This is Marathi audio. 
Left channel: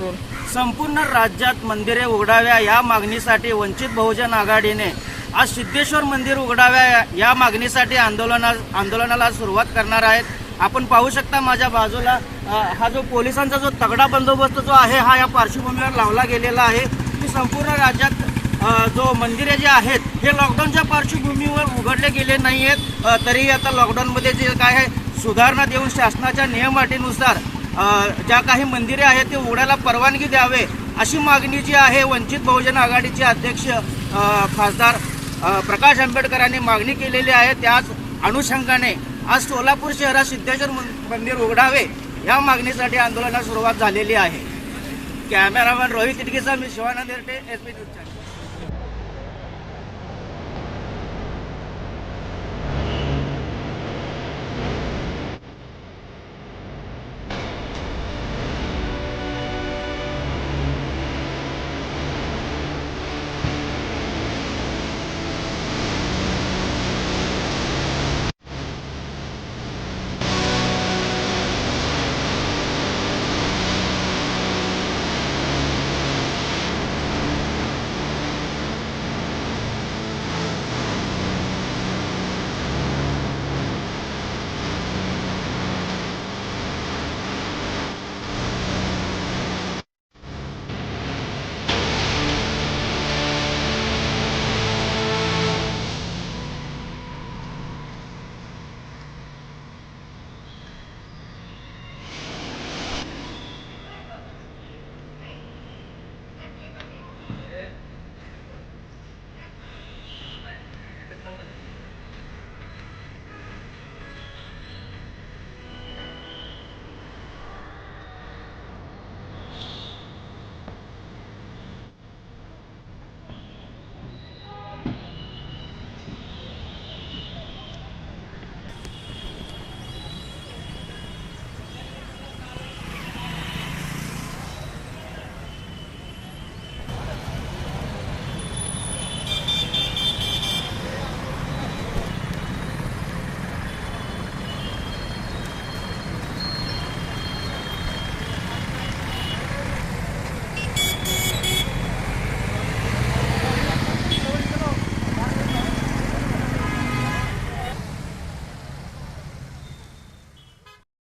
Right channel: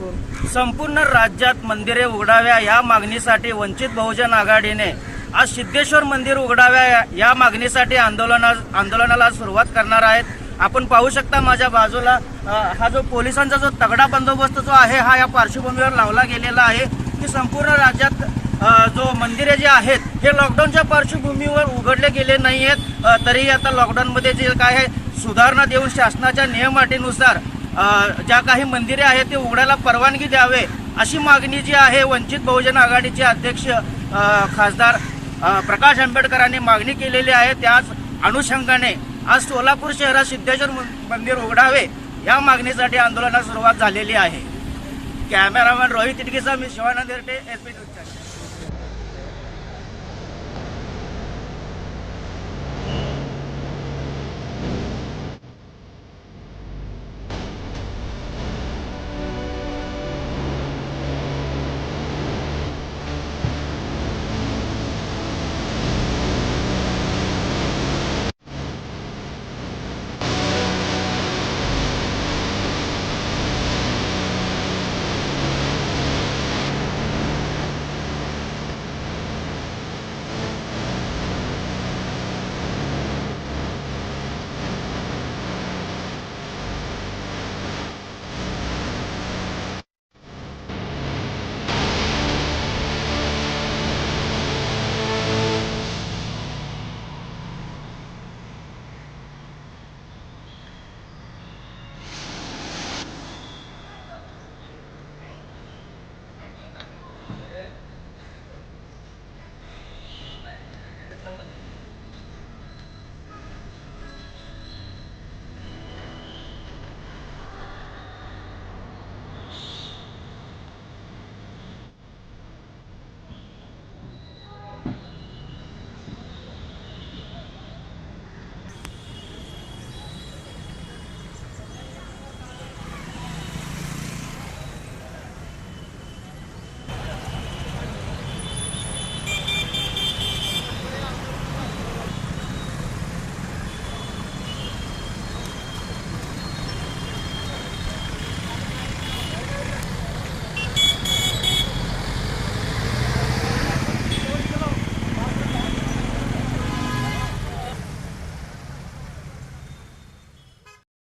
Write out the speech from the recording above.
बोल. संपूर्ण राज्यात मंदिरे उघडाव्या या मागणीसाठी वंचित बहुजन आघाडीने आज सिद्धेश्वर मंदिर उघडाव्या या मागणीसाठी आंदोलनाला सुरुवात करणार आहेत. आपण पाहू शकता माझ्या बाजूला हा जो पोलिसांचा जो तगडा बंदोबस्त जो आहे हा या पार्श्वभूमीवर लावला गेलेला आहे की संपूर्ण राज्यात जो मंदिरे जे आहेत हे लॉकडाऊनच्या पार्श्वभूमीवर उघडले गेले नाही आहेत. तरी आता लॉकडाऊनमध्ये जे काय आहे सुधारणा देऊन शासनाच्या नियम-अटीनुसार ज्या काही मंदिरे आहेत ते उघडायला परवानगी द्यावे अशी मागणी जी आहे वंचित बहुजन आघाडीचे अध्यक्ष खासदार प्रकाश आंबेडकरांनी मागणी केलेली आहे. त्याच अनुषंगाने आज सोलापूर शहरात सिद्धेश्वर मंदिर उघडावे या मागणीसाठी आंदोलनाला सुरुवात झालेली आहे. कॅमेरामॅन रोहित इटकेचा मी शिवानंद एरटे, SP न्यूज.